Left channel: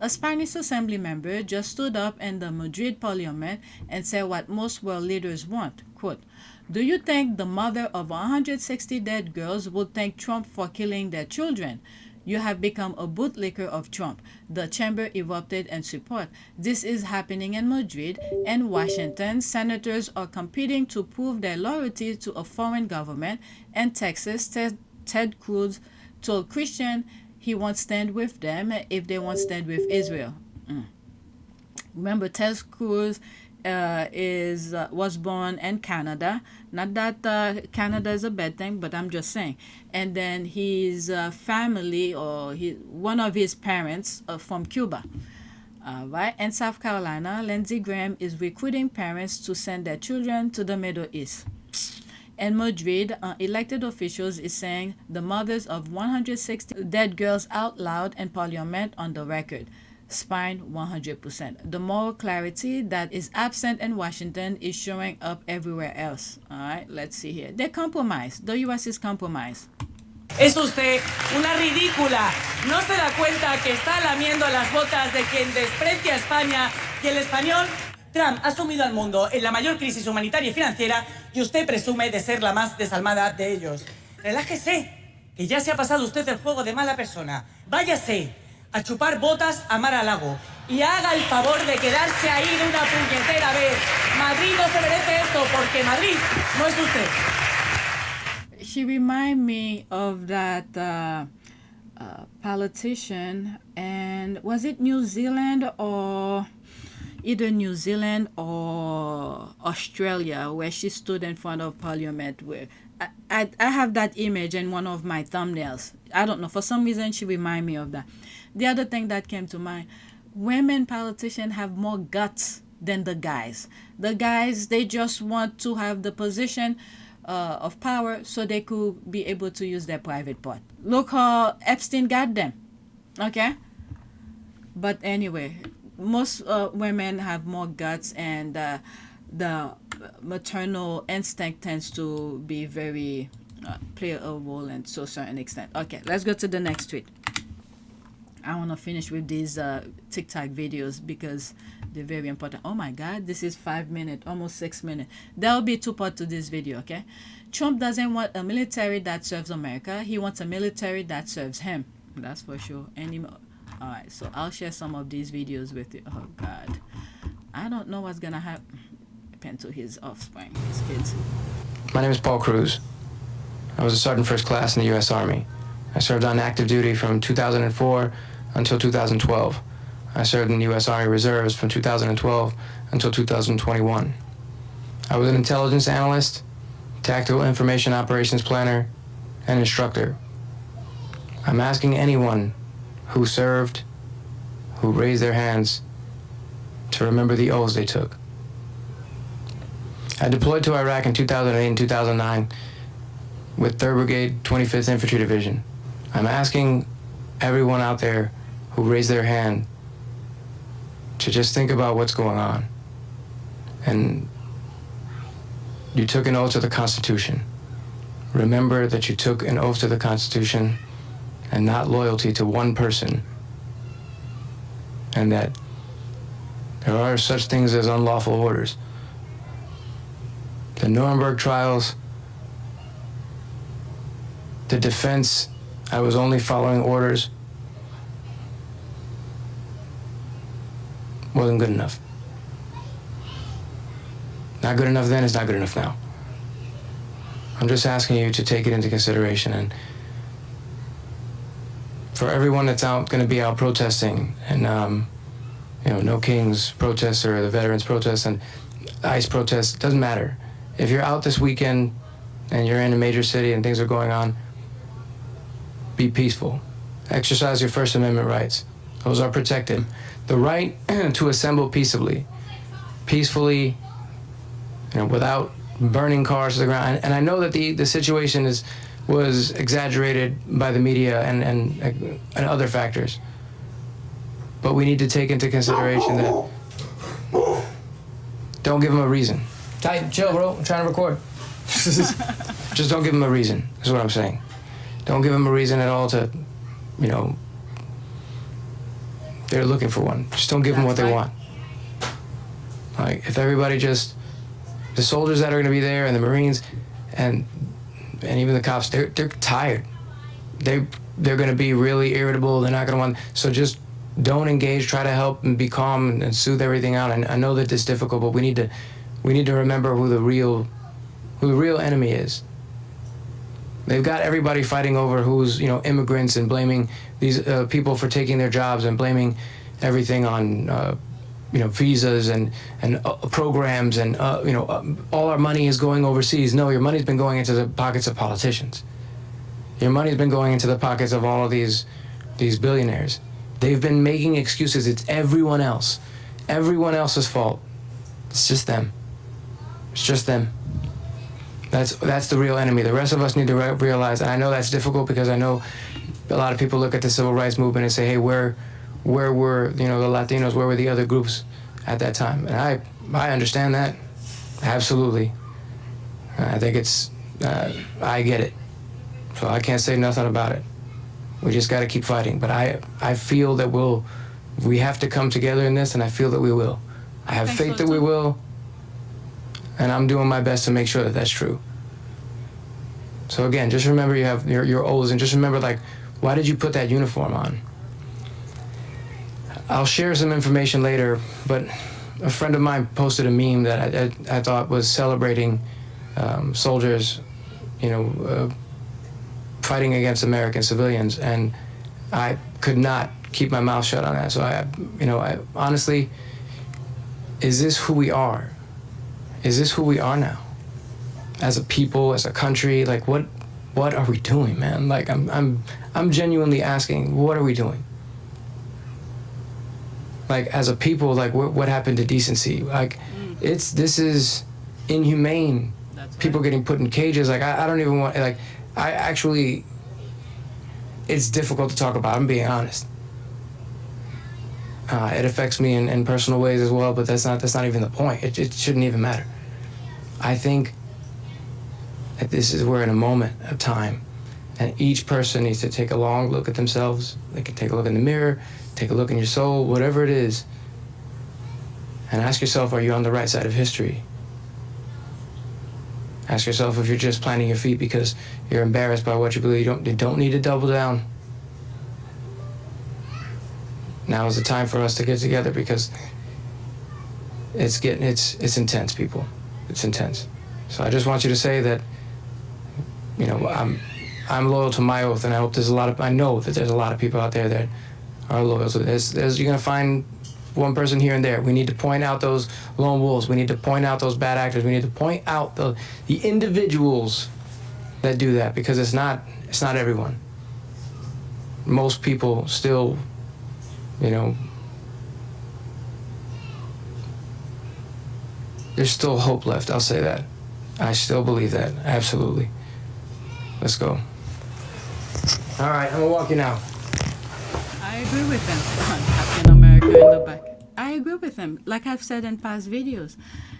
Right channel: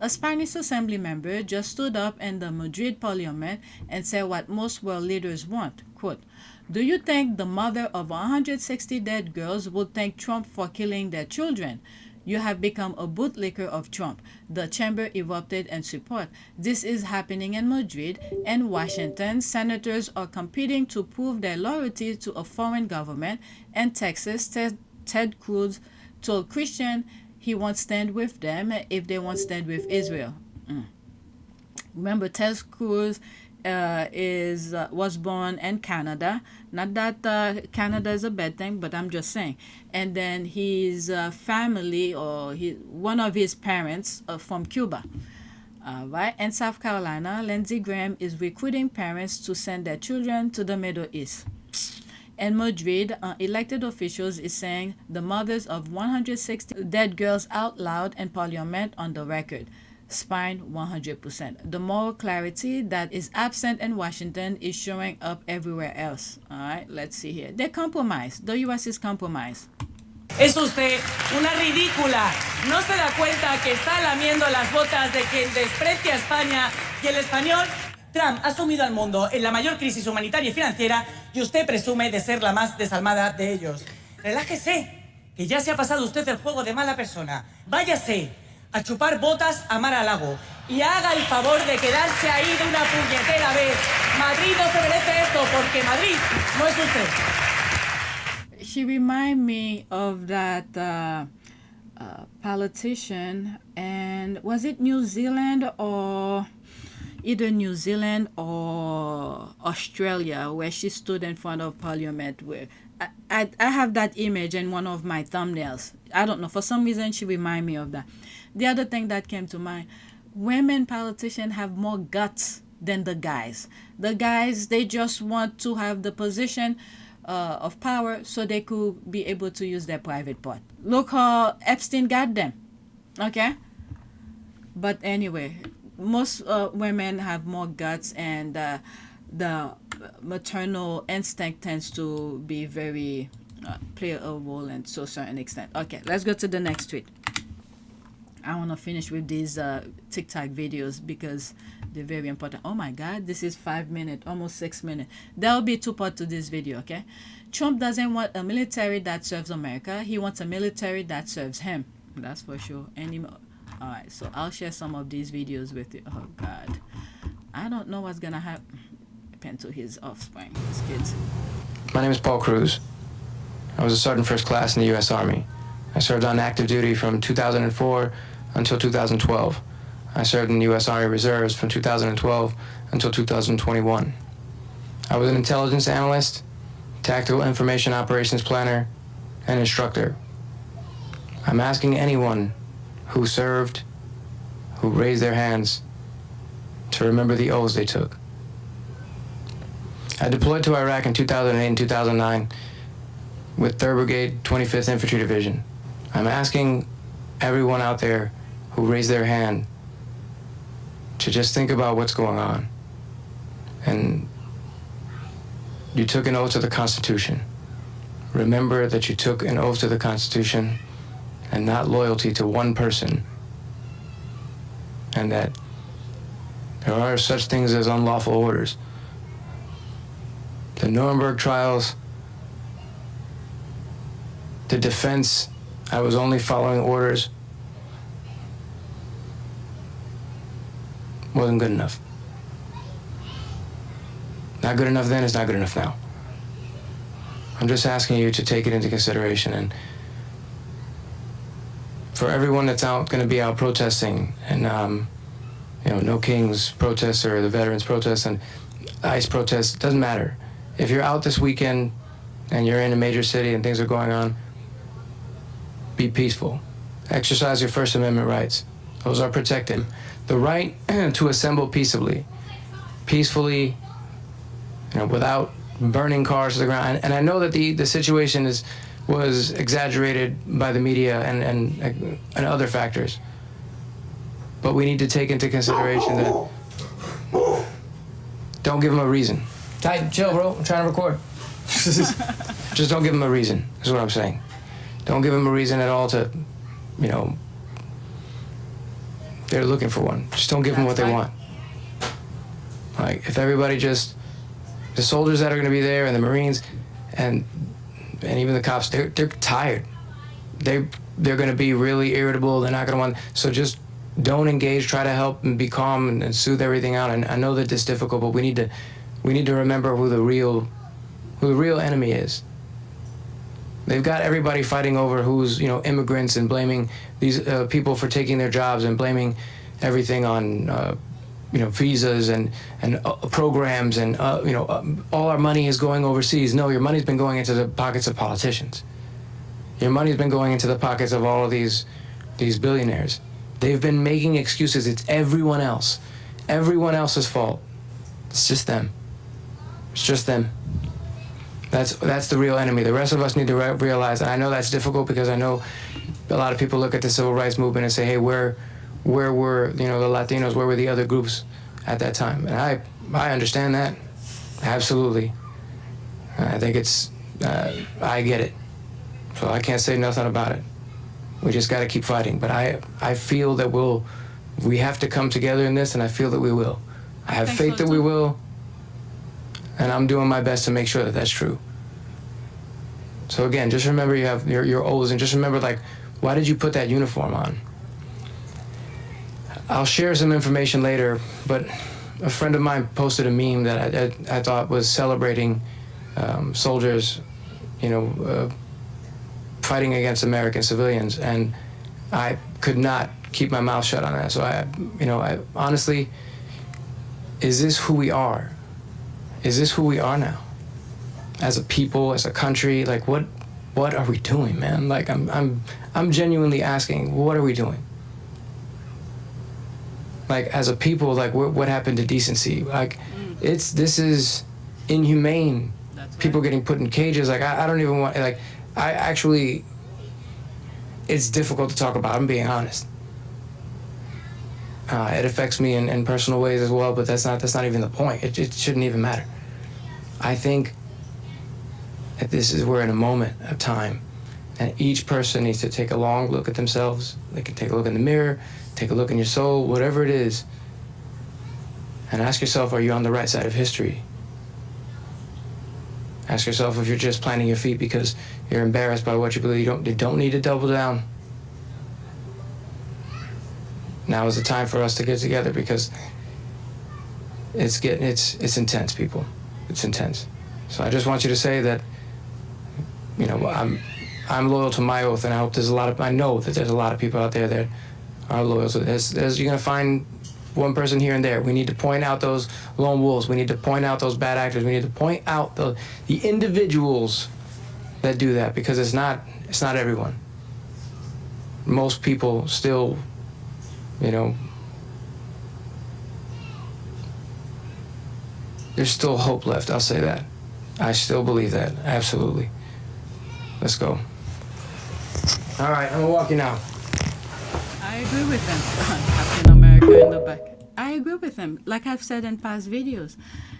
A Spanish assembly member just stood up in the Madrid parliament and said what most world leaders want. Quote, "Do you think the mother of 160 dead girls would thank Trump for killing their children? You have become a bootlicker of Trump." The chamber erupted in support. This is happening in Madrid and Washington. Senators are competing to prove their loyalty to a foreign government. In Texas, Ted Cruz told Christian he won't stand with them if they won't stand with Israel. Remember, Ted Cruz was born in Canada. Not that Canada is a bad thing, but I'm just saying. And then his family, or one of his parents, from Cuba. Right? In South Carolina, Lindsey Graham is recruiting parents to send their children to the Middle East. In Madrid, elected officials is saying the mothers of 160 dead girls out loud in parliament on the record. Spine 100%. The moral clarity that is absent in Washington is showing up everywhere else. All right, let's see here. They compromise. The U.S. is compromised. Es usted una ridícula. ¿No se da cuenta que está lamiendo las botas de quien desprecia a España y el español? Trump ha sumido al mundo en la mayor crisis humanitaria y financiera y usted presume de ser la más desalmada de ellos. Relájese, que ya se ha pasado usted el juego de mala persona. Váyase a chupar botas a mar a lago y haga el favor de quedarse ahí de una puñetera vez. Madrid no se merece esto porque Madrid no es usted. She remind me of that politician, and was it New Zealand or either New Zealand or Australia, where she stood in front of parliament. Where I have that image in one of my thumbnails. I don't know, for some reason she remind me of that. The other thing that came to mind, women politicians have more guts than the guys. The guys, they just want to have the position of power so they could be able to use their private part. Look how Epstein got them. Okay? But anyway, most women have more guts, and the maternal instinct tends to be very play a role in to a certain extent. Okay, let's go to the next tweet. I want to finish with these TikTok videos because they're very important. Oh my God, this is 5 minutes, almost 6 minutes. There'll be two parts to this video, okay? Trump doesn't want a military that serves America. He wants a military that serves him. That's for sure. All right, so I'll share some of these videos with you. Oh God, I don't know what's gonna happen to his offspring, his kids. My name is Paul Cruz. I was a sergeant first class in the U.S. Army. I served on active duty from 2004 until 2012. I served in the U.S. Army Reserves from 2012 until 2021. I was an intelligence analyst, tactical information operations planner, and instructor. I'm asking anyone who served, who raised their hands, to remember the oaths they took. I deployed to Iraq in 2008 and 2009 with 3rd Brigade, 25th Infantry Division. I'm asking everyone out there who raised their hand to just think about what's going on. And you took an oath to the Constitution. Remember that you took an oath to the Constitution and not loyalty to one person, and that there are such things as unlawful orders. The Nuremberg trials, the defense, I was only following orders, wasn't good enough. Not good enough then, it's not good enough now. I'm just asking you to take it into consideration, and for everyone that's going to be out protesting, and No Kings protests or the veterans protests and ICE protests, doesn't matter. If you're out this weekend and you're in a major city and things are going on, be peaceful. Exercise your First Amendment rights. Those are protected. The right to assemble peaceably, without burning cars to the ground. And I know that the situation was exaggerated by the media and other factors. But we need to take into consideration that don't give them a reason. Tight, chill, bro. I'm trying to record. Just don't give them a reason, is what I'm saying. Don't give them a reason at all to, they're looking for one. Just don't give them what they want. Like, if everybody just, the soldiers that are going to be there and the Marines and even the cops, they're tired. They're going to be really irritable. They're not going to want, so just don't engage, try to help and be calm and soothe everything out. And I know that this is difficult, but we need to remember who the real enemy is. They've got everybody fighting over who's, immigrants and blaming these people for taking their jobs and blaming everything on, visas and programs and, all our money is going overseas. No, your money's been going into the pockets of politicians. Your money's been going into the pockets of all of these billionaires. They've been making excuses. It's everyone else. Everyone else's fault. It's just them. It's just them. That's the real enemy. The rest of us need to realize, and I know that's difficult because I know a lot of people look at the civil rights movement and say, hey, where were, the Latinos, where were the other groups at that time? And I understand that. Absolutely. I think I get it. So I can't say nothing about it. We just got to keep fighting. But I feel that we have to come together in this, and I feel that we will. I have faith that we will, and I'm doing my best to make sure that that's true. So again, just remember you have your O's, and just remember, like, why did you put that uniform on? I'll share some information later, but a friend of mine posted a meme that I thought was celebrating soldiers, fighting against American civilians, and I could not keep my mouth shut on that. So I honestly, is this who we are? Is this who we are now? As a people, as a country, like what are we doing, man? Like I'm genuinely asking, what are we doing? Like, as a people, like what happened to decency? Like, this is inhumane. That's right. People getting put in cages. Like, I don't even want, like, I actually, it's difficult to talk about, I'm being honest. It affects me in personal ways as well, but that's not even the point. It shouldn't even matter. I think that we're in a moment of time, and each person needs to take a long look at themselves. They can take a look in the mirror, take a look in your soul, whatever it is, and ask yourself, are you on the right side of history? Ask yourself if you're just planting your feet because you're embarrassed by what you believe. You don't need to double down. Now is the time for us to get together because it's intense, people. It's intense. So I just want you to say that, I'm loyal to my oath, and I know that there's a lot of people out there that are loyal. So you're gonna find one person here and there. We need to point out those lone wolves. We need to point out those bad actors. We need to point out the individuals that do that, because it's not everyone. Most people still, there's still hope left. I'll say that. I still believe that. Absolutely. Let's go. All right, I'm gonna walk you now. I agree with him. Captain America in the back. I agree with him. Like I've said in past videos,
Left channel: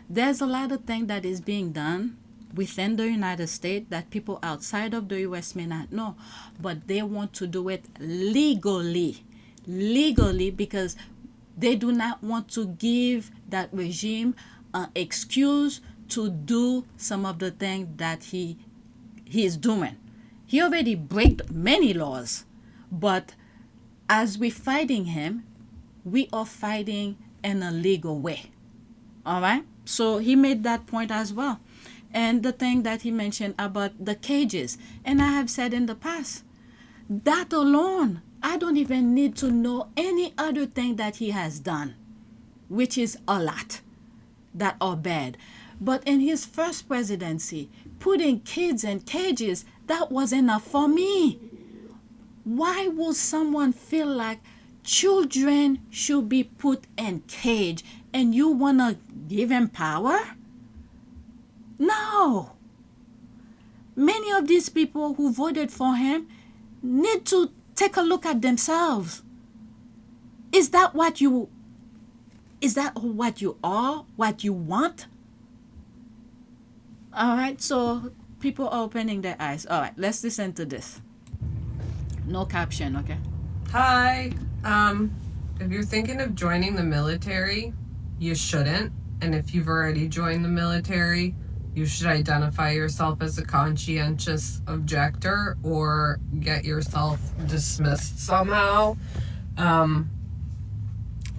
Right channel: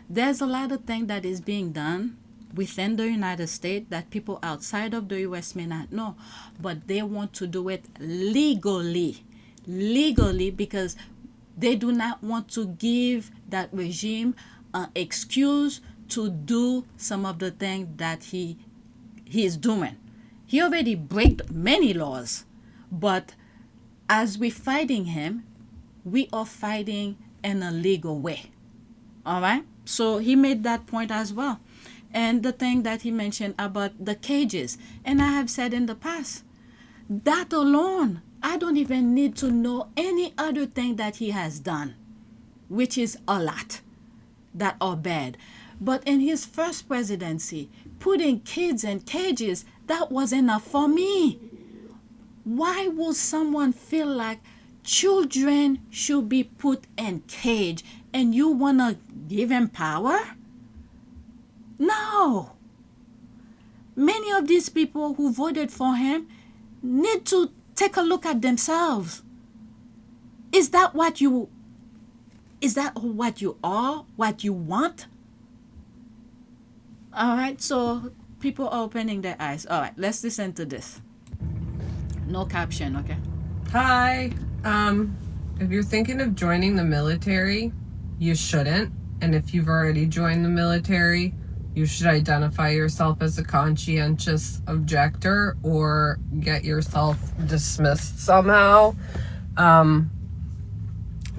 there's a lot of things that is being done within the United States that people outside of the U.S. may not know, but they want to do it legally, because they do not want to give that regime an excuse to do some of the things that he is doing. He already breaks many laws, but as we're fighting him, we are fighting in a legal way. All right? So he made that point as well. And the thing that he mentioned about the cages, and I have said in the past, that alone, I don't even need to know any other thing that he has done, which is a lot that are bad. But in his first presidency, putting kids in cages, that was enough for me. Why would someone feel like children should be put in cage and you want to give him power? No. Many of these people who voted for him need to take a look at themselves. Is that what you are? What you want? All right, so people are opening their eyes. All right, let's listen to this. No caption, okay? Hi. If you're thinking of joining the military, you shouldn't. And if you've already joined the military, you should identify yourself as a conscientious objector or get yourself dismissed somehow.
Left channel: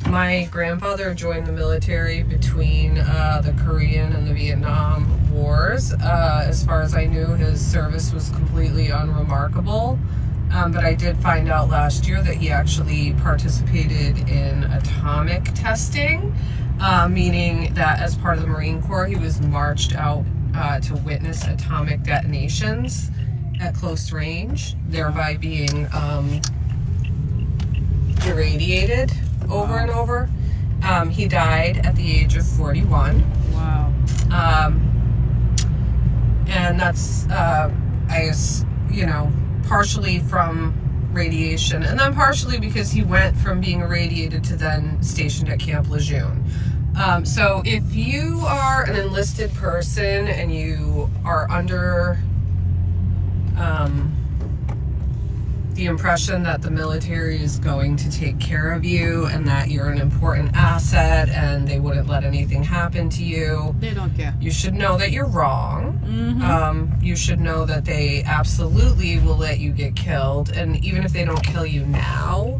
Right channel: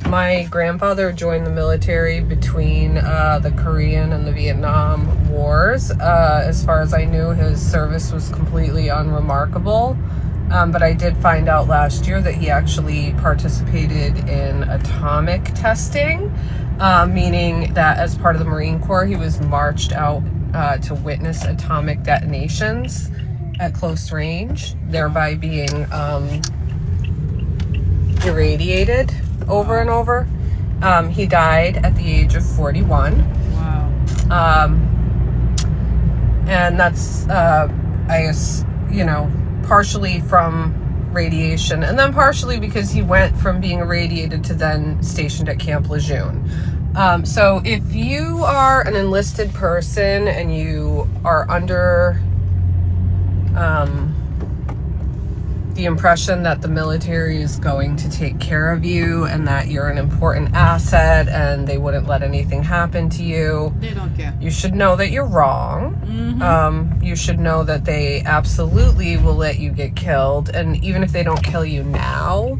My grandfather joined the military between the Korean and the Vietnam Wars. As far as I knew, his service was completely unremarkable. But I did find out last year that he actually participated in atomic testing, meaning that as part of the Marine Corps, he was marched out to witness atomic detonations at close range, thereby being irradiated over and over. He died at the age of 41. Wow. And that's, I guess, partially from radiation, and then partially because he went from being irradiated to then stationed at Camp Lejeune. So if you are an enlisted person and you are under the impression that the military is going to take care of you and that you're an important asset and they wouldn't let anything happen to you, They don't care. you should know that you're wrong. Mm-hmm. You should know that they absolutely will let you get killed, and even if they don't kill you now,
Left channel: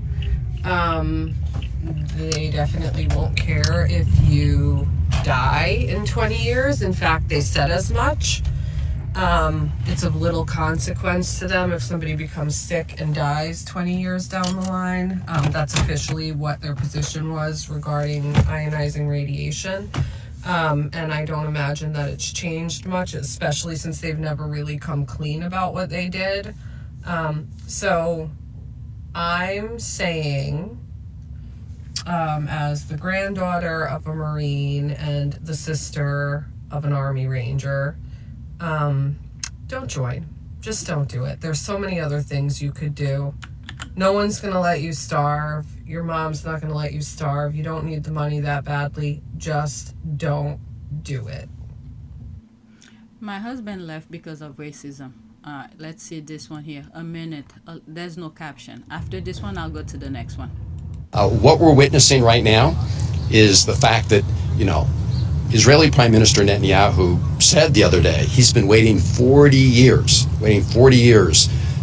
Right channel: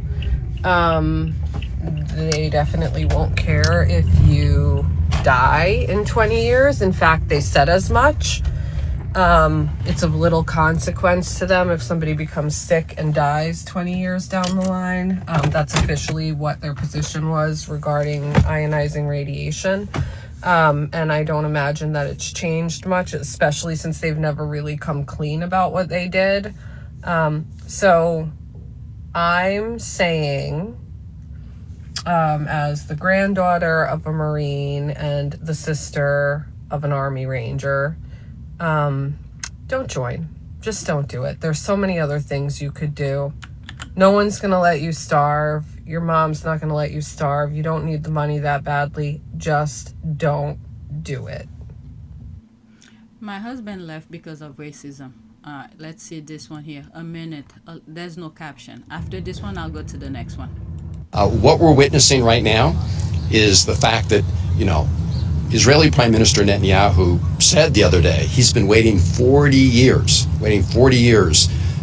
they definitely won't care if you die in 20 years. In fact, they said as much. It's of little consequence to them if somebody becomes sick and dies 20 years down the line. That's officially what their position was regarding ionizing radiation. And I don't imagine that it's changed much, especially since they've never really come clean about what they did. So I'm saying, as the granddaughter of a Marine and the sister of an Army Ranger, don't join. Just don't do it. There's so many other things you could do. No one's going to let you starve. Your mom's not going to let you starve. You don't need the money that badly. Just don't do it. My husband left because of racism. Let's see this one here. A minute. There's no caption. After this one, I'll go to the next one. What we're witnessing right now is the fact that, Israeli Prime Minister Netanyahu said the other day he's been waiting 40 years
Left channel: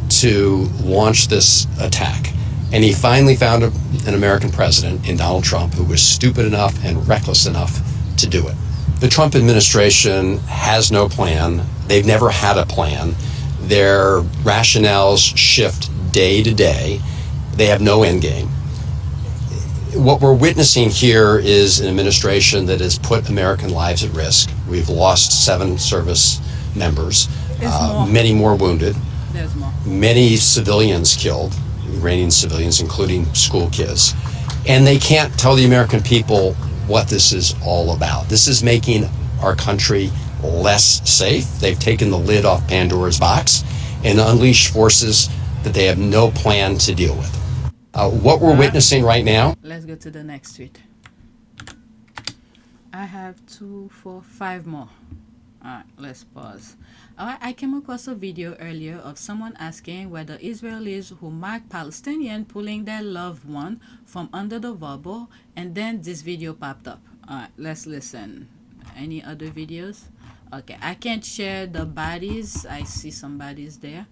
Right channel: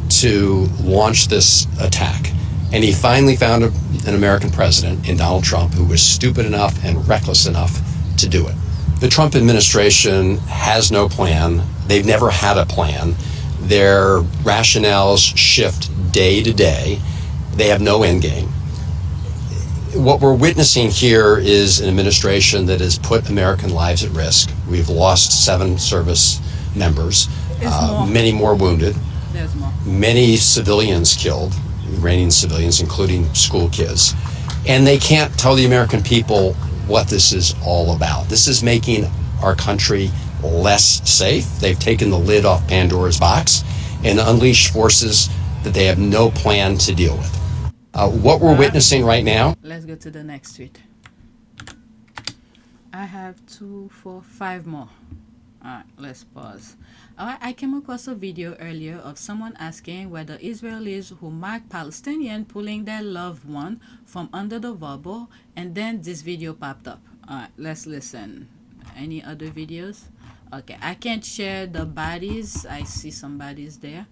to launch this attack. And he finally found an American president in Donald Trump who was stupid enough and reckless enough to do it. The Trump administration has no plan. They've never had a plan. Their rationales shift day to day. They have no end game. What we're witnessing here is an administration that has put American lives at risk. We've lost 7 service members, many more wounded, There's more. many civilians killed, Iranian civilians, including school kids. And they can't tell the American people what this is all about. This is making our country less safe. They've taken the lid off Pandora's box and unleashed forces that they have no plan to deal with. What we're witnessing right now. Let's go to the next tweet. I have 2, 4, 5 more. Alright, let's pause. Alright, I came across a video earlier of someone asking whether Israelis who mark Palestinian pulling their loved one from under the rubble, and then this video popped up. Alright, let's listen. Any other videos? Okay, I can't share the bodies. I see some bodies there.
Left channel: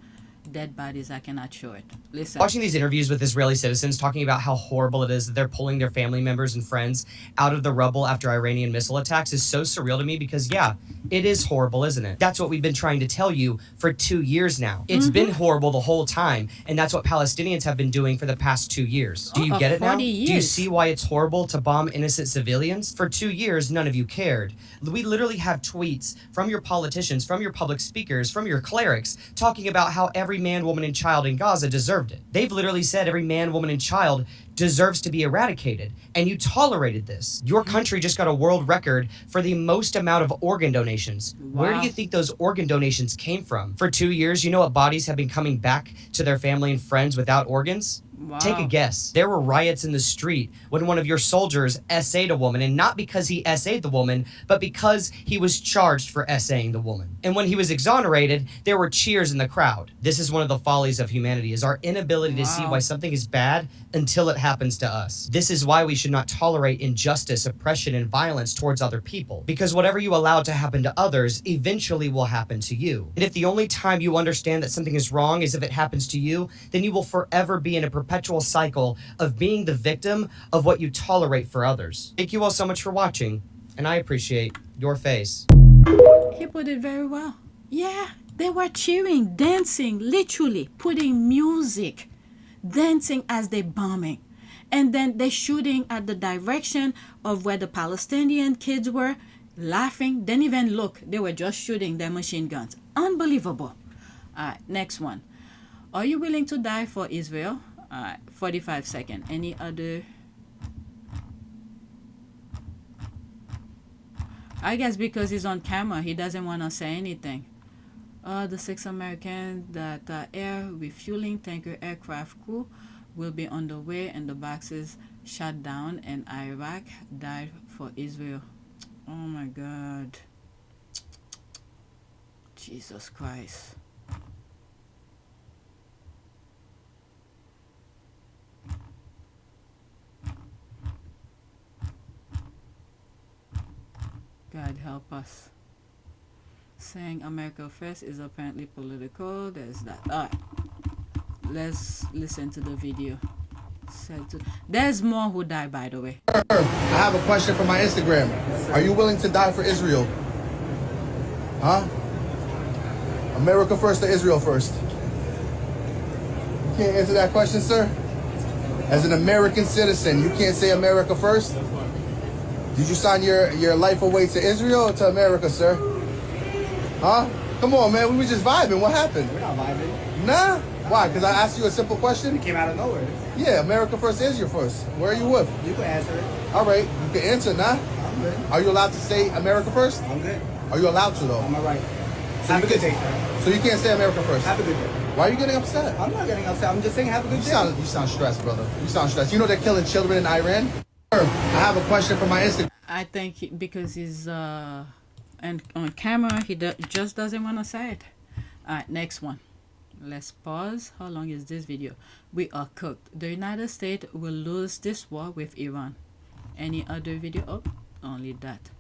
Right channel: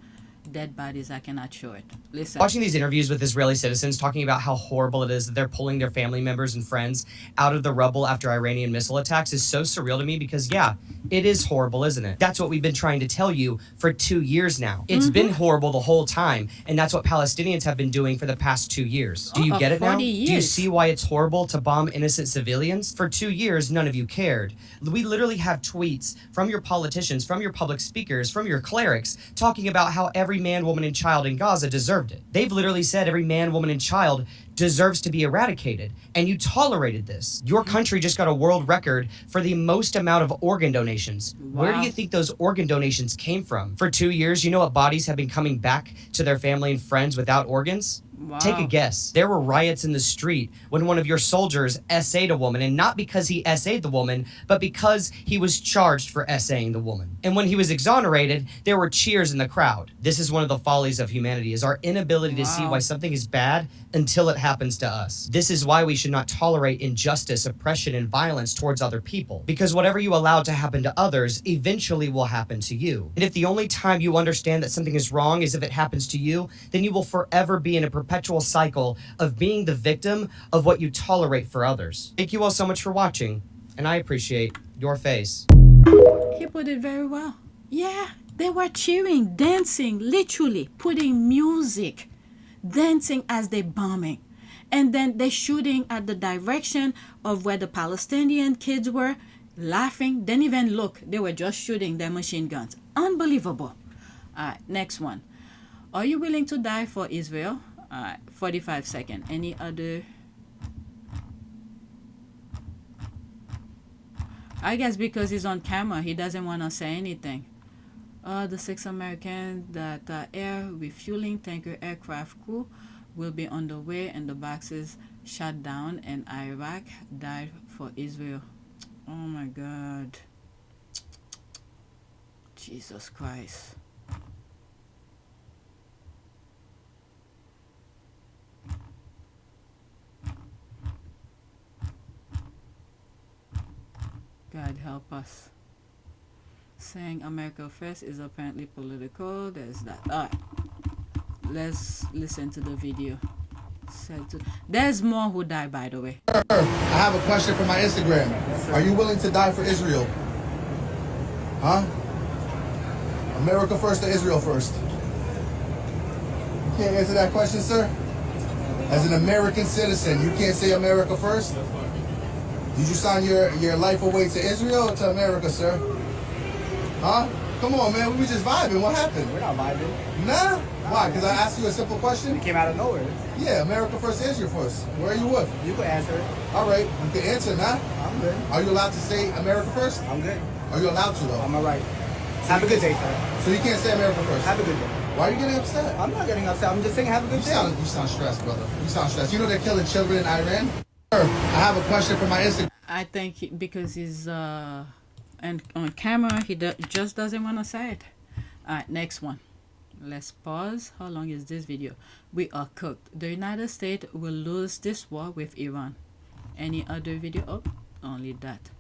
Dead bodies, I cannot show it. Listen. Watching these interviews with Israeli citizens talking about how horrible it is that they're pulling their family members and friends out of the rubble after Iranian missile attacks is so surreal to me because, yeah, it is horrible, isn't it? That's what we've been trying to tell you for 2 years now. It's been horrible the whole time, and that's what Palestinians have been doing for the past 2 years. Do you get it now? 40 years. Do you see why it's horrible to bomb innocent civilians? For 2 years, none of you cared. We literally have tweets from your politicians, from your public speakers, from your clerics, talking about how every man, woman, and child in Gaza deserved it. They've literally said every man, woman, and child deserves to be eradicated, and you tolerated this. Your country just got a world record for the most amount of organ donations. Wow. Where do you think those organ donations came from? For 2 years, you know what bodies have been coming back to their family and friends without organs? Wow. Take a guess. There were riots in the street when one of your soldiers SA'd a woman, and not because he SA'd the woman, but because he was charged for SAing the woman. And when he was exonerated, there were cheers in the crowd. This is one of the follies of humanity, is our inability to see why something is bad until it happens to us. This is why we should not tolerate injustice, oppression, and violence towards other people, because whatever you allow to happen to others eventually will happen to you. And if the only time you understand that something is wrong is if it happens to you, then you will forever be in a perpetual cycle of being the victim of what you tolerate for others. Thank you all so much for watching, and I appreciate your face. He put it very well. Yeah, they were cheering, dancing, literally putting music, dancing as they bombing. And then they shooting at the direction of where the Palestinian kids were, laughing. Didn't even look. They were just shooting their machine guns. Unbelievable. All right, next one. Are you willing to die for Israel? All right, 45 seconds. Any other? I guess because he's on camera, he doesn't want to say anything. The 6 Americans that are air refueling tanker aircraft crew will be on the way, and the boxes shot down in Iraq died for Israel. Oh my God. Jesus Christ. God help us. Saying America first is apparently political. There's that. Alright. Let's listen to the video. There's more who died, by the way. I have a question for my Instagram. Are you willing to die for Israel? Huh? America first or Israel first? You can't answer that question, sir? As an American citizen, you can't say America first? Did you sign your life away to Israel or to America, sir? Huh? Come on, man. We were just vibing. What happened? We're not vibing. Nah? Why? Because I asked you a simple question? It came out of nowhere. Yeah, America first, Israel first. Where are you with? You can answer it. All right. You can answer, nah? I'm good. Are you allowed to say America first? I'm good. Are you allowed to, though? I'm all right. So Have a you good can- day, sir. So you can't say America first? Have a good day. Why are you getting upset? I'm not getting upset. I'm just saying have a good You day. sound stressed, brother. You sound stressed. You know they're killing children in Iran? I have a question for my Instagram. I think because he's and on camera, he just doesn't want to say it. All right, next one. Let's pause. How long is this video? We are cooked. The United States will lose this war with Iran. Any other video? Oh, only that.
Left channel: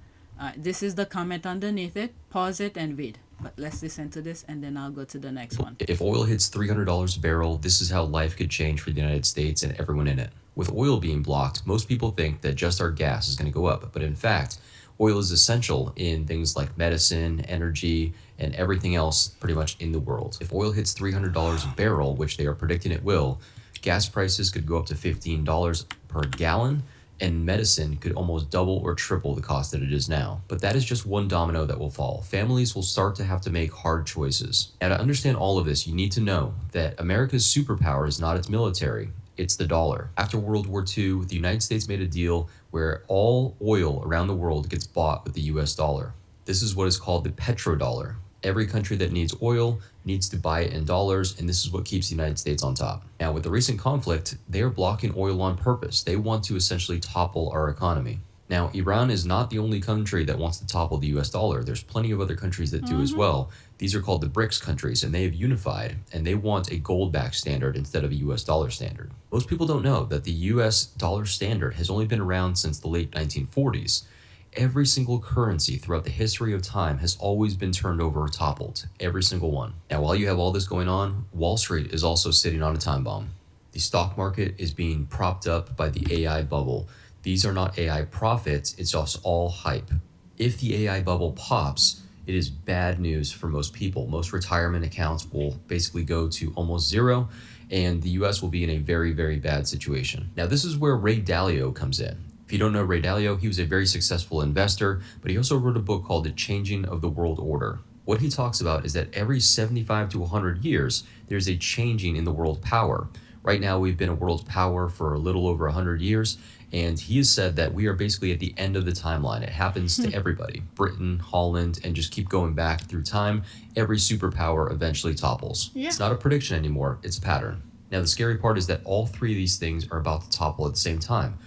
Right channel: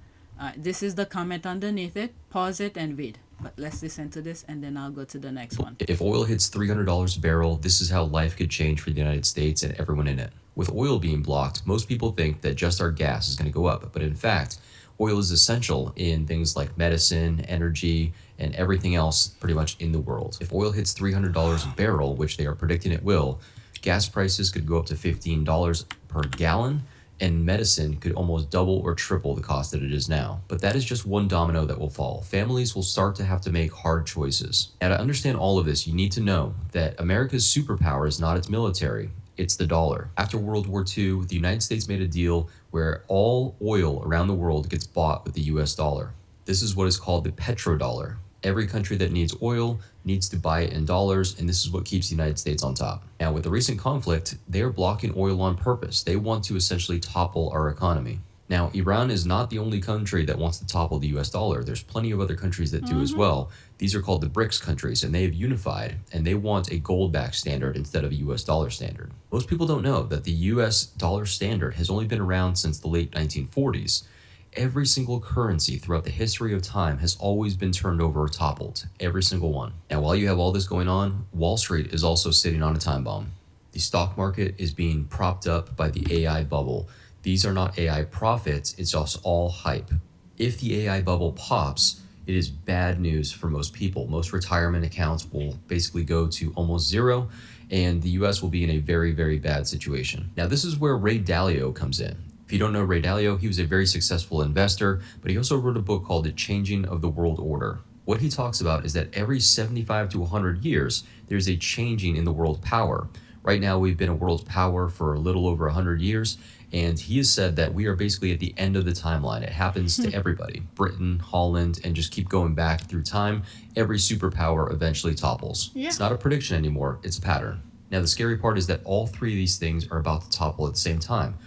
All right, this is the comment underneath it. Pause it and read. But let's listen to this, and then I'll go to the next one. If oil hits $300 a barrel, this is how life could change for the United States and everyone in it. With oil being blocked, most people think that just our gas is going to go up, but in fact, oil is essential in things like medicine, energy, and everything else pretty much in the world. If oil hits $300 a barrel, which they are predicting it will, gas prices could go up to $15 per gallon, and medicine could almost double or triple the cost that it is now. But that is just one domino that will fall. Families will start to have to make hard choices. Now, to understand all of this, you need to know that America's superpower is not its military, it's the dollar. After World War II, the United States made a deal where all oil around the world gets bought with the US dollar. This is what is called the petrodollar. Every country that needs oil needs to buy it in dollars, and this is what keeps the United States on top. Now, with the recent conflict, they are blocking oil on purpose. They want to essentially topple our economy. Now, Iran is not the only country that wants to topple the US dollar. There's plenty of other countries that do as well. These are called the Brits countries, and they have unified, and they want a gold-backed standard instead of a US dollar standard. Most people don't know that the US dollar standard has only been around since the late 1940s. Every single currency throughout the history of time has always been turned over or toppled. Every single one. Now, while you have all this going on, Wall Street is also sitting on a time bomb. The stock market is being propped up by the AI bubble. These are not AI profits, it's just all hype. If the AI bubble pops, it is bad news for most people. Most retirement accounts will basically go to almost zero, and the US will be in a very, very bad situation. Now, this is where Ray Dalio comes in. If you don't know Ray Dalio, he was a very successful investor, but he also wrote a book called The Changing of the World Order. What he talks about is that every 75 to 100 years, there's a changing in the world power. Right now, we've been a world power for a little over 100 years, and he has said that we are basically at the end of the timeline. It happens to everybody. Britain, Holland, and just keep going back through time. Every superpower eventually topples. Yeah. It's not a prediction anymore, it's a pattern. Now, the scary part is that all three of these things are about to topple at the same time:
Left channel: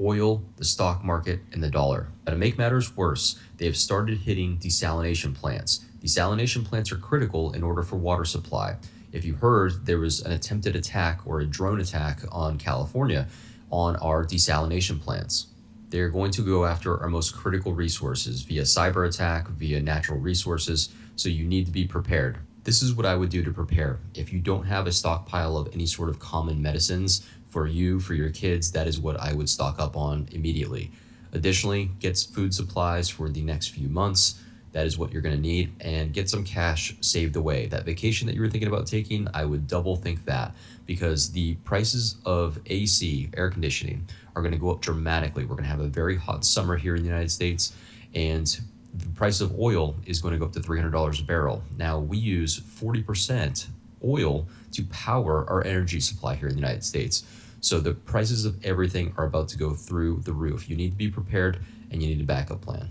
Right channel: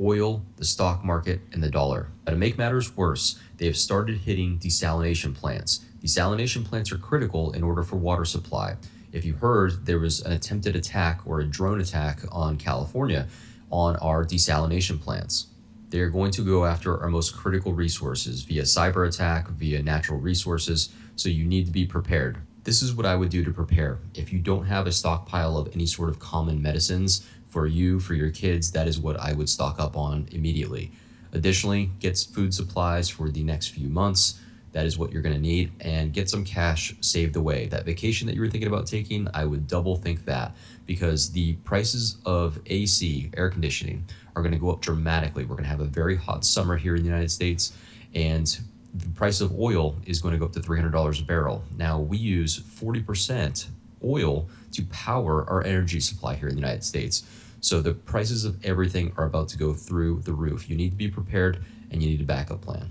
oil, the stock market, and the dollar. Now, to make matters worse, they have started hitting desalination plants. Desalination plants are critical in order for water supply. If you heard, there was an attempted attack or a drone attack on California on our desalination plants. They're going to go after our most critical resources via cyber attack, via natural resources, so you need to be prepared. This is what I would do to prepare. If you don't have a stockpile of any sort of common medicines for you, for your kids, that is what I would stock up on immediately. Additionally, get food supplies for the next few months. That is what you're going to need, and get some cash saved away. That vacation that you were thinking about taking, I would double think that, because the prices of AC, air conditioning, are going to go up dramatically. We're going to have a very hot summer here in the United States, and the price of oil is going to go up to $300 a barrel. Now, we use 40% oil to power our energy supply here in the United States. So the prices of everything are about to go through the roof. You need to be prepared, and you need a backup plan.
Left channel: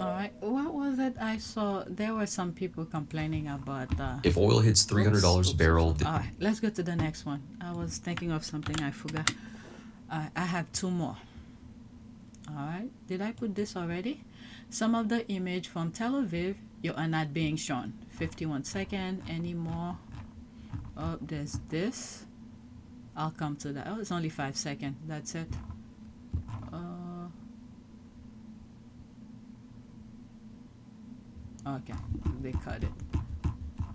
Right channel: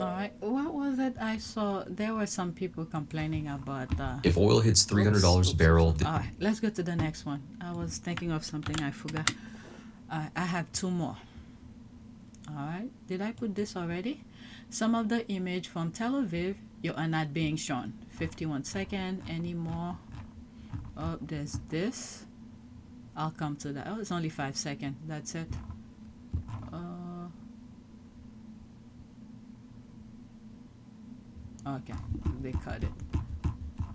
All right, what was it I saw? There were some people complaining about If oil hits $300 a barrel, All right, let's go to the next one. I was thinking of something I forgot. I have two more. All right, did I put this already? Some of the image from Tel Aviv, you are not being shown. 51 seconds anymore. Oh, there's this. I'll come to that. Oh, it's only 5 seconds. That's it. Okay, they cut it.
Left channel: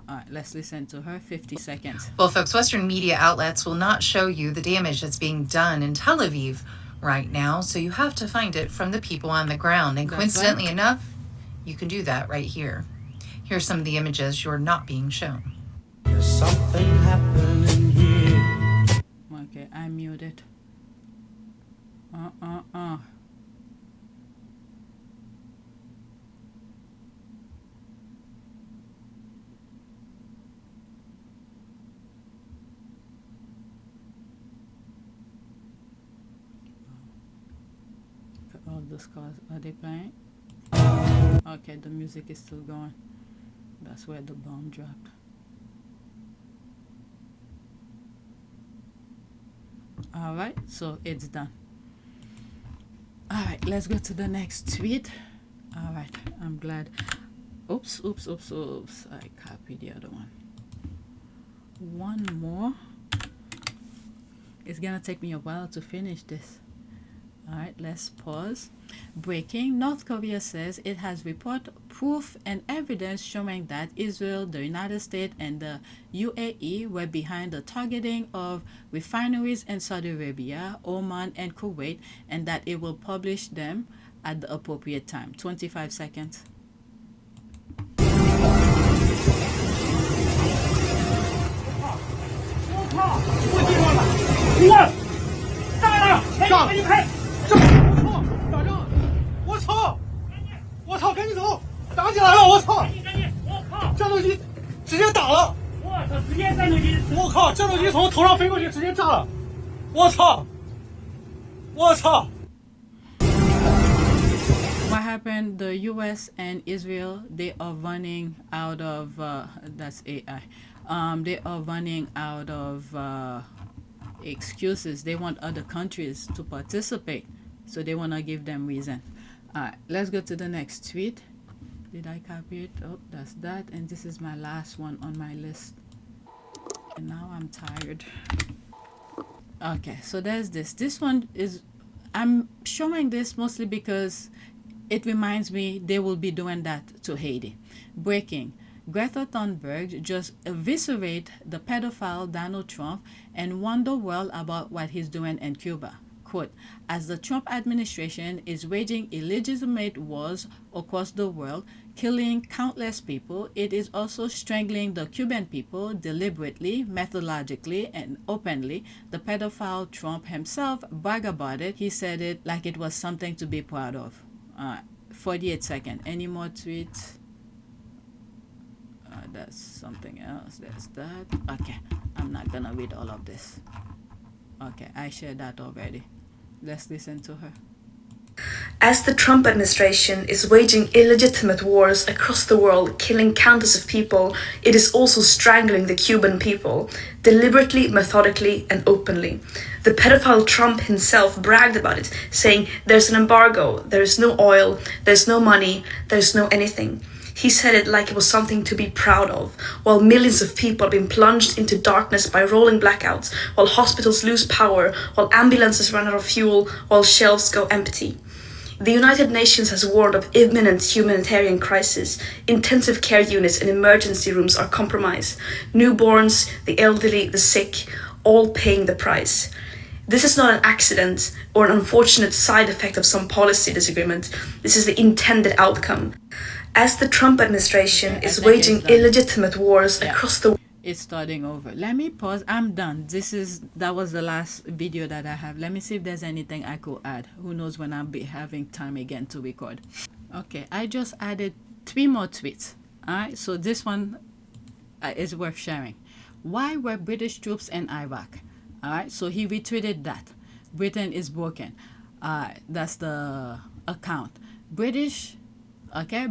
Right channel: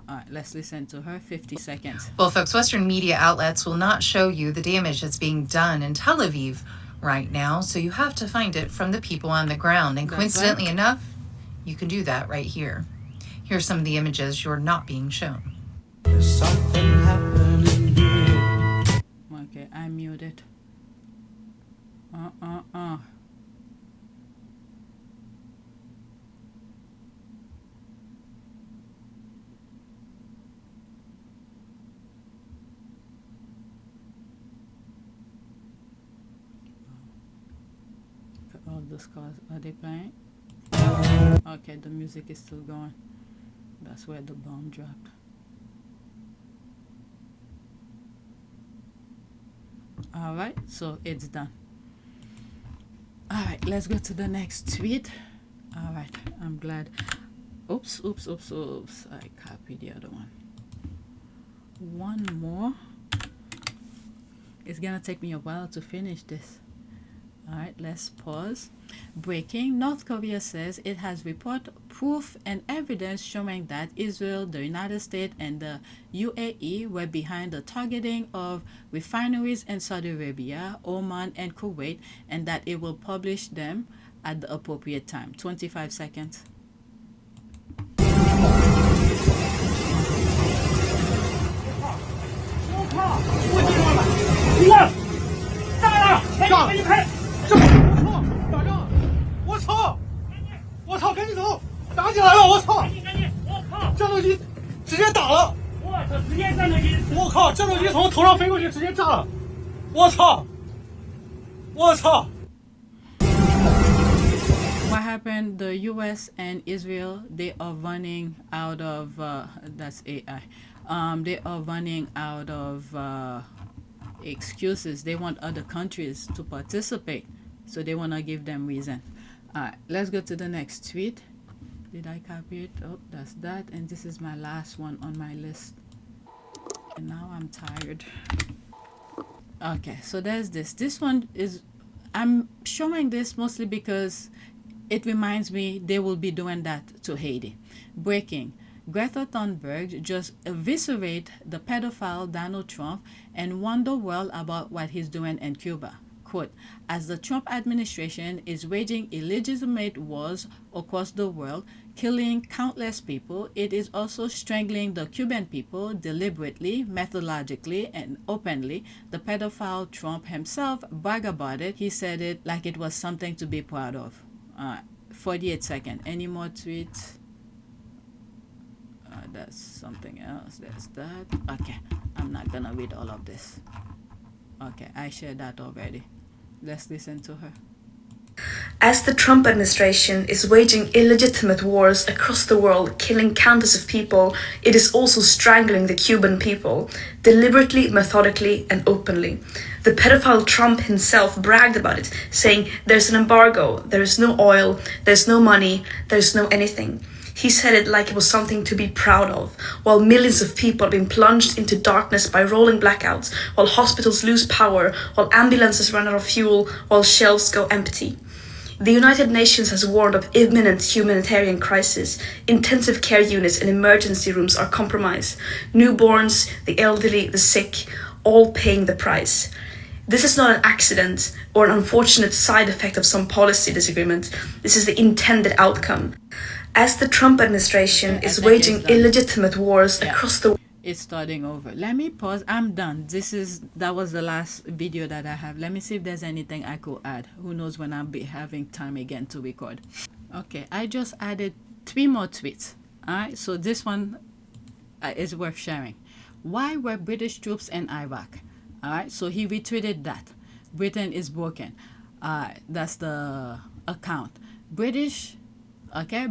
All right, let's listen to her. 50 seconds. Well, folks, Western media outlets will not show you the damage that's being done in Tel Aviv right now, so you have to find it from the people on the ground. And That's coincidentally right. enough, you can do that right here. Here's some of the images you're not being shown. Okay, I muted. All those cars, are they playing? Okay, the music is still going. That's where the bomb dropped. All right, so it's done. All right, let's go to the next tweet. All right, I'm glad. Oops. I copied the other one. One more. It's gonna take me a while to finish this. All right, let's pause. Breaking: North Korea says it has report, proof, and evidence showing that Israel, the United States, and the UAE were behind the targeting of refineries in Saudi Arabia, Oman, and Kuwait, and that it will publish them at the appropriate time. 25 seconds. What happened? The U.S. and Israel, they are running out of that's AI. They are running out of excuses. They want other countries to participate, so they want to give them reason. All right, let's go to the next tweet. Did I copy it? Oh, that's that. And this is my last one on my list. And now I'm tired. Okay, so there's this. This one is, I'm showing this mostly because it reminds me they will be doing that to Haiti. Breaking: Greta Thunberg just eviscerate the pedophile Donald Trump and warn the world about what he's doing in Cuba. Quote: as the Trump administration is waging illegitimate wars across the world, killing countless people, it is also strangling the Cuban people deliberately, methodologically, and openly. The pedophile Trump himself bragged about it. He said it like it was something to be proud of. 48 seconds. Any more tweets? That's something else. There's that. Okay, I'm not gonna read all of this. Okay, I shared that already. Let's listen to her. As the Trump administration is waging illegitimate wars across the world, killing countless of people, it is also strangling the Cuban people, deliberately, methodically, and openly. The pedophile Trump himself bragged about it, saying, "There's an embargo, there's no oil, there's no money, there's no anything." He said it like it was something to be proud of, while millions of people have been plunged into darkness by rolling blackouts, while hospitals lose power, while ambulances run out of fuel, while shelves go empty. The United Nations has warned of imminent humanitarian crisis. Intensive care units and emergency rooms are compromised. Newborns, the elderly, the sick, all paying the price. This is not an accident or an unfortunate side effect of some policy disagreement. This is the intended outcome. As the Trump administration is waging illegitimate wars across the world. It's starting over. Let me pause. I'm done. That was the last video that I have. Let me see if there's anything I could add. Who knows when I'll be having time again to record. Okay, I just added 3 more tweets. Alright, so this one is worth sharing. Why were British troops in Iraq? Alright, so he retweeted that. Britain is broken. That's the account.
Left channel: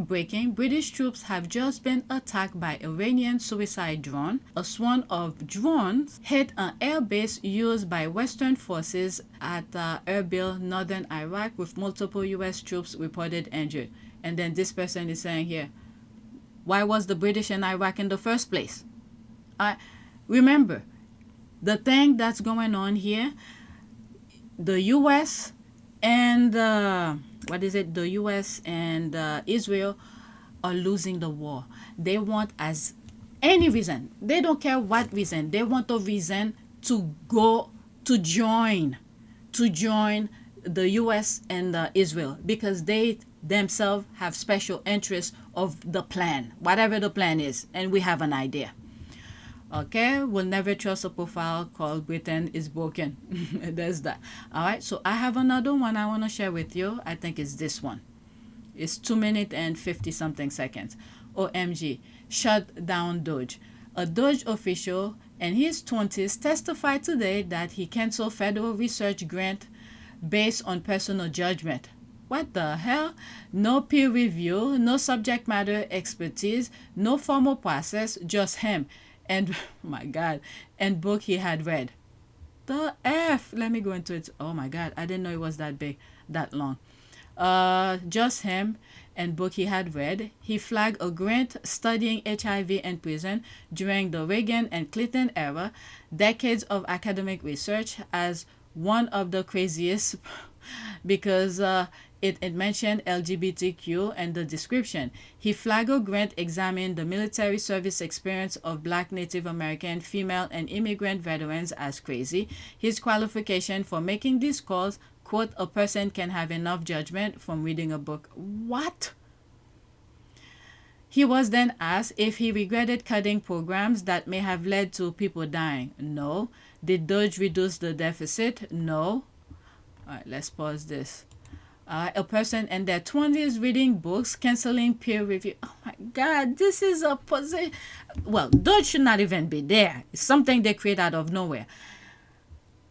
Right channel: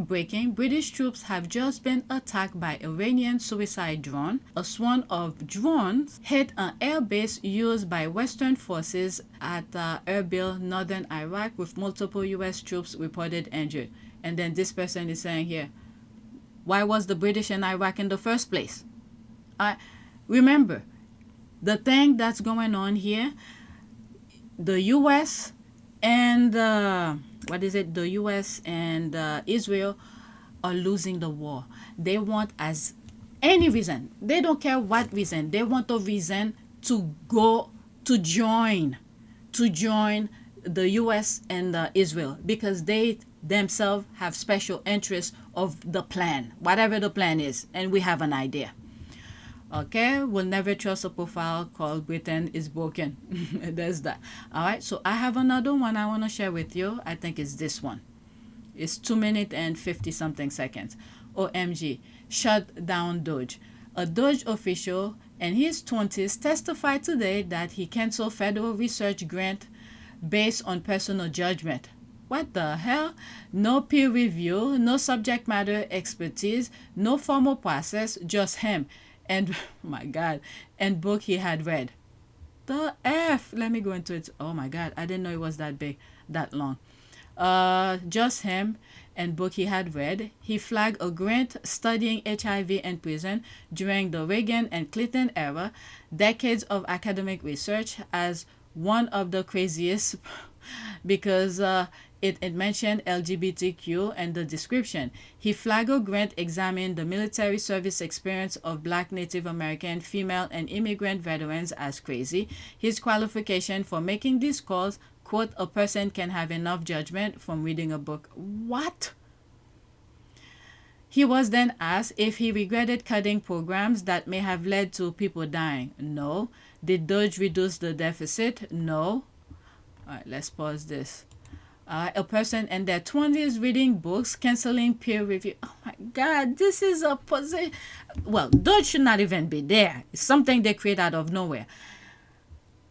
Breaking. British troops have just been attacked by Iranian suicide drone. A swarm of drones hit an airbase used by Western forces at Erbil, northern Iraq, with multiple U.S. troops reported injured. And then this person is saying here, why was the British in Iraq in the first place? Remember, the thing that's going on here, the U.S. and the U.S. and Israel are losing the war. They want any reason. They don't care what reason. They want a reason to join the U.S. and Israel, because they themselves have special interests of the plan, whatever the plan is, and we have an idea. Okay, we'll never trust a profile called Britain is broken. There's that. All right, so I have another one I want to share with you. I think it's this one. It's 2 minutes and 50 something seconds. OMG, shut down DOGE. A DOGE official in his 20s testified today that he canceled federal research grant based on personal judgment. What the hell? No peer review, no subject matter expertise, no formal process, just him. And my God, and book he had read. The F. Let me go into it. Oh my God, I didn't know it was that big, that long. Just him and book he had read. He flagged a grant studying HIV in prison during the Reagan and Clinton era, decades of academic research, as one of the craziest because it mentioned LGBTQ and the description. He flagged a grant examined the military service experience of Black, Native American, female, and immigrant veterans as crazy. His qualification for making these calls, quote, a person can have enough judgment from reading a book. What? He was then asked if he regretted cutting programs that may have led to people dying. No. Did DOGE reduce the deficit? No. All right, let's pause this. A person in their 20s reading books, canceling peer review. Oh my God, this is a position. Well, DOGE should not even be there. It's something they create out of nowhere.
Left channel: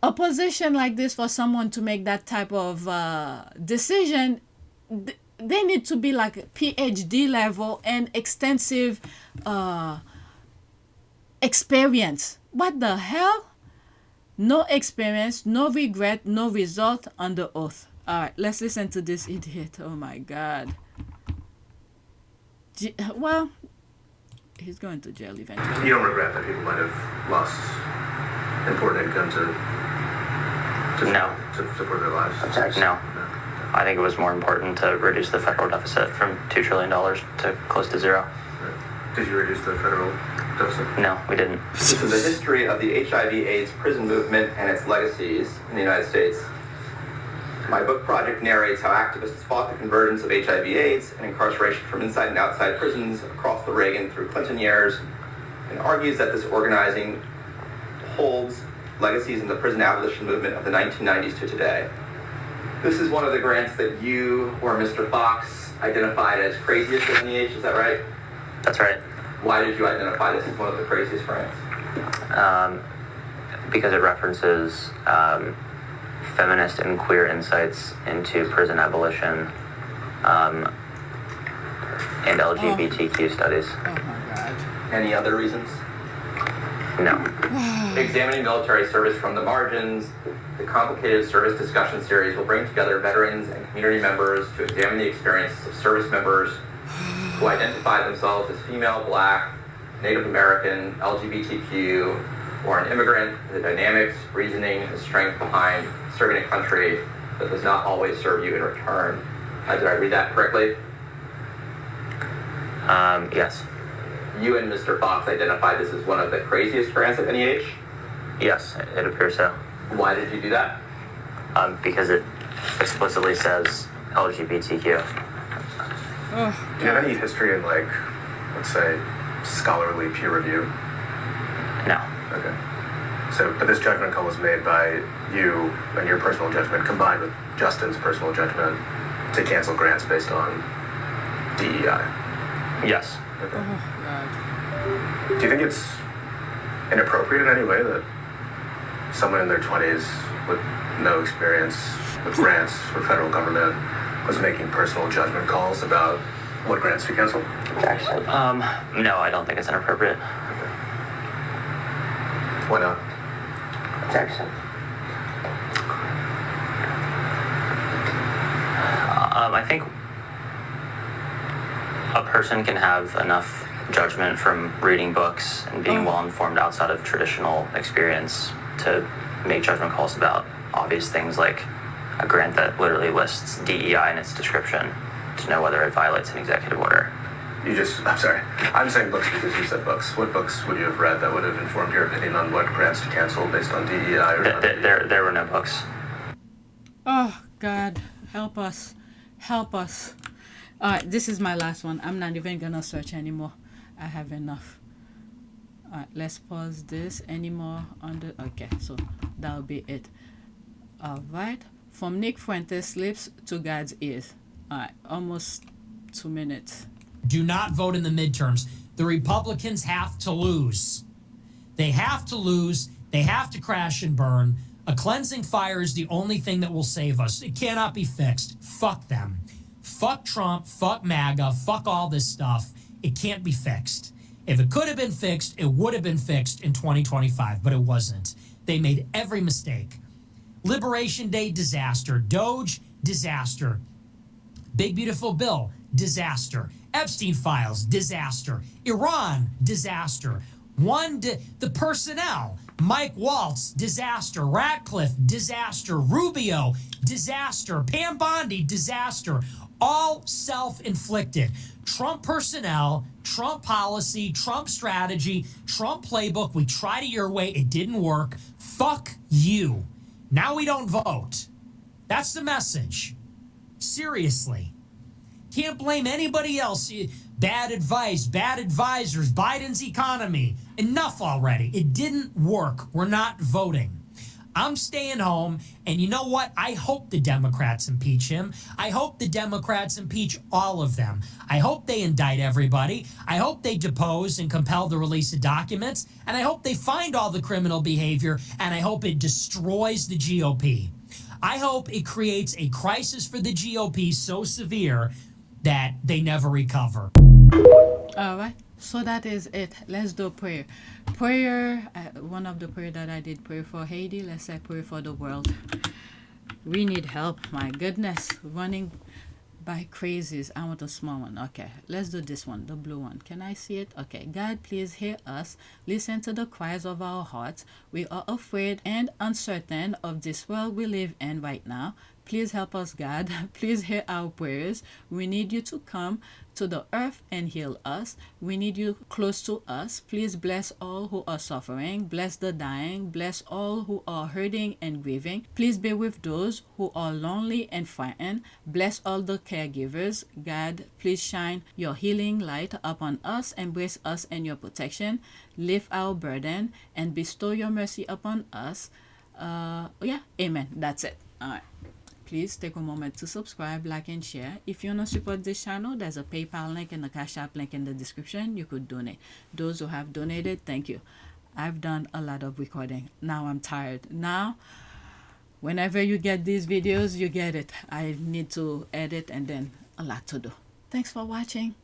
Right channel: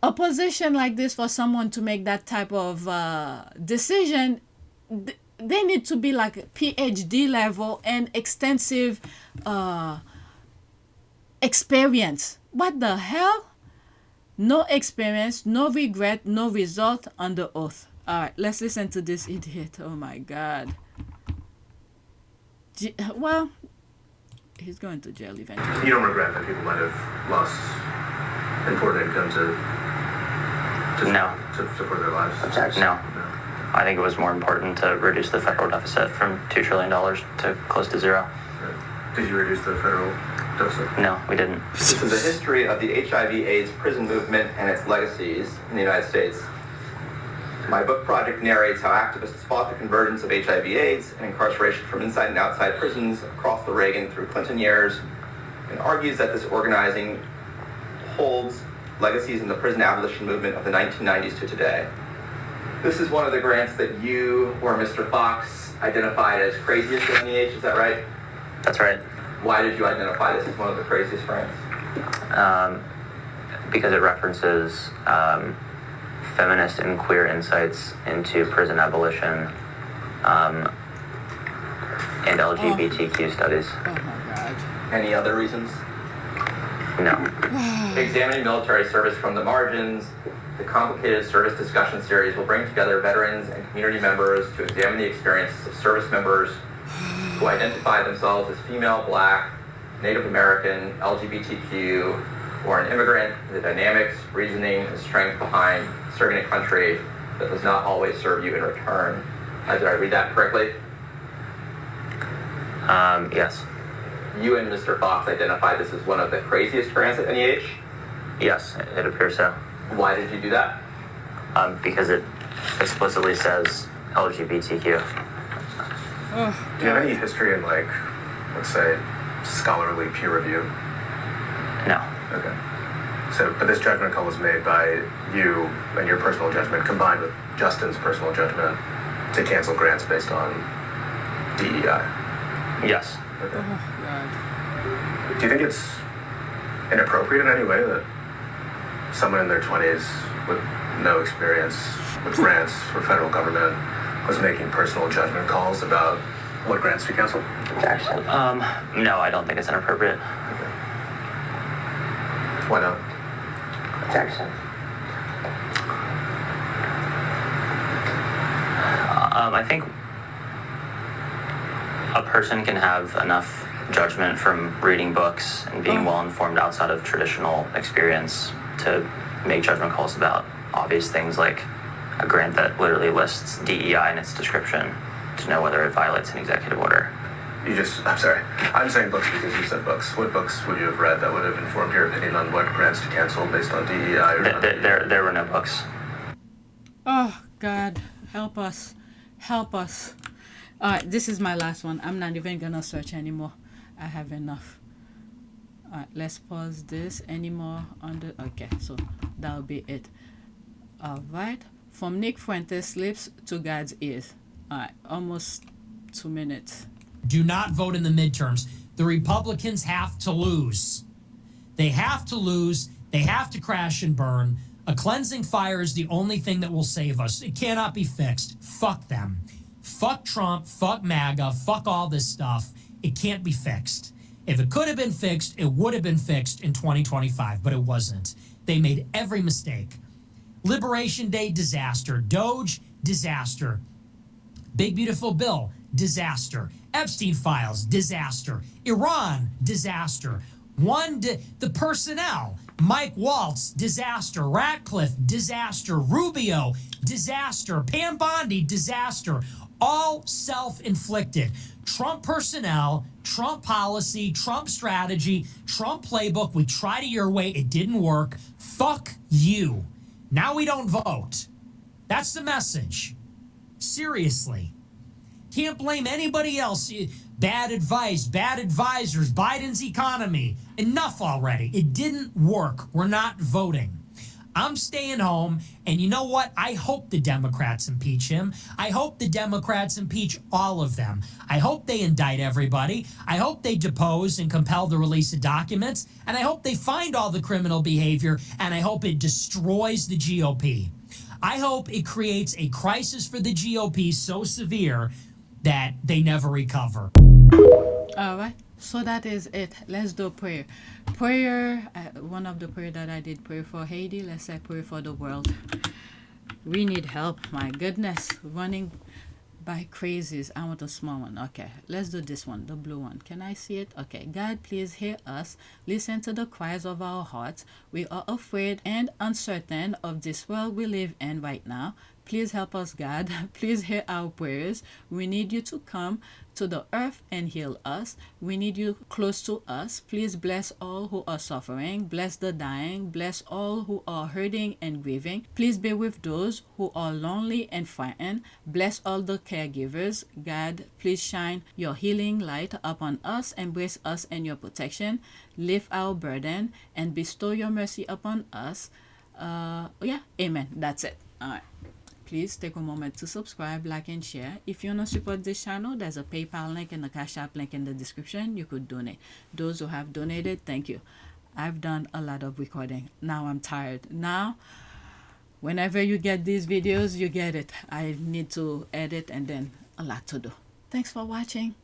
A position like this for someone to make that type of decision, they need to be like PhD level and extensive experience. What the hell? No experience, no regret, no result, under oath. All right, let's listen to this idiot. Oh my God. Well, he's going to jail eventually. You don't regret that people might have lost important income to support their lives? No. I think it was more important to reduce the federal deficit from $2 trillion to close to zero. Did you reduce the federal deficit? No, we didn't. This is the history of the HIV/AIDS prison movement and its legacies in the United States. My book project narrates how activists fought the convergence of HIV/AIDS and incarceration from inside and outside prisons across the Reagan through Clinton years, and argues that this organizing holds legacies in the prison abolition movement of the 1990s to today. This is one of the grants that you or Mr. Fox identified as craziest in the age, is that right? That's right. Why did you identify this as one of the craziest grants? Because it references feminist and queer insights into prison abolition, and LGBTQ studies. Oh my God. Any other reasons? No. Examining military service from the margins, the complicated service discussion series will bring together veterans and community members to examine the experiences of service members who identify themselves as female, Black, Native American, LGBTQ, or an immigrant, the dynamics, reasoning, and strength behind serving a country that does not always serve you in return. Did I read that correctly? Yes. You and Mr. Fox identified this as one of the craziest grants at any age? Yes, it appears so. Why did you do that? Because it explicitly says LGBTQ. Oh, Do you have any history in, like, let's say, scholarly peer review? No. Okay. So, but this judgment call was made by you and your personal judgment combined with Justin's personal judgment to cancel grants based on DEI. Yes. Okay. oh God. Do you think it's inappropriate in any way that someone in their 20s with no experience with grants for federal government was making personal judgment calls about what grants to cancel? No, I don't think it's inappropriate. Okay. Why not? Jackson. I think a person can have enough judgment from reading books and being well informed outside of traditional experience to make judgment calls about obvious things like a grant that literally lists DEI in its description to know whether it violates an executive order. I'm sorry. I'm saying books because you said books. What books would you have read that would have informed your opinion on what grants to cancel based on DEI or not? There were no books. Oh God, help us. Help us. Alright, this is my last one. I'm not even gonna search anymore. I have enough. Alright, let's pause this. Anymore on the okay, so that'll be it. Alright. From Nick Fuentes' lips to God's ears. Alright, almost 2 minutes. Do not vote in the midterms. The Republicans have to lose. They have to lose. They have to crash and burn. A cleansing fire is the only thing that will save us. It cannot be fixed. Fuck them. Fuck Trump. Fuck MAGA. Fuck all this stuff. It can't be fixed. If it could have been fixed, it would have been fixed in 2025, but it wasn't. They made every mistake. Liberation Day, disaster. DOGE, disaster. Big Beautiful Bill, disaster. Epstein files, disaster. Iran, disaster. The personnel, Mike Waltz, disaster. Ratcliffe, disaster. Rubio, disaster. Pam Bondi, disaster. All self-inflicted. Trump personnel, Trump policy, Trump strategy, Trump playbook. We tried it your way. It didn't work. Fuck you. Now we don't vote. That's the message. Seriously. Can't blame anybody else. Bad advice, bad advisors, Biden's economy. Enough already. It didn't work. We're not voting. I'm staying home, and you know what? I hope the Democrats impeach him. I hope the Democrats impeach all of them. I hope they indict everybody. I hope they depose and compel the release of documents, and I hope they find all the criminal behavior, and I hope it destroys the GOP. I hope it creates a crisis for the GOP so severe that they never recover. All right. So that is it. Let's do prayer. Prayer, one of the prayer that I did, pray for Haiti. Let's say pray for the world. We need help. My goodness. Running by crazies. I want a small one. Okay. Let's do this one. The blue one. Can I see it? Okay. God, please hear us. Listen to the cries of our hearts. We are afraid and uncertain of this world we live in right now. Please help us, God. Please hear our prayers. We need you to come to the earth and heal us. We need you close to us. Please bless all who are suffering. Bless the dying. Bless all who are hurting and grieving. Please be with those who are lonely and frightened. Bless all the caregivers. God, please shine your healing light upon us. Embrace us in your protection. Lift our burden and bestow your mercy upon us. Amen. That's it. All right. Please take a moment to subscribe, like, and share. If you want to support this channel, there's a PayPal link and a Cash App link in the description. You could donate. Those who have donated, thank you. I've done a lot of recording. Now I'm tired. Now, Whenever you get these videos, you get it. I need to edit and then a lot to do. Thanks for watching.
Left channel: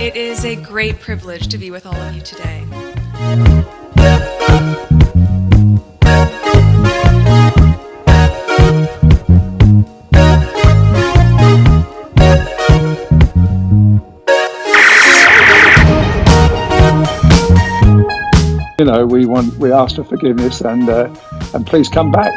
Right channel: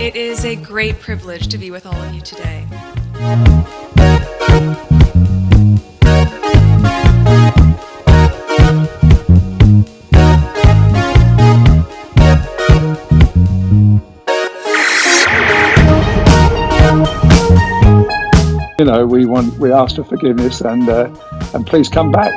It is a great privilege to be with all of you today. You know, we ask for forgiveness and please come back.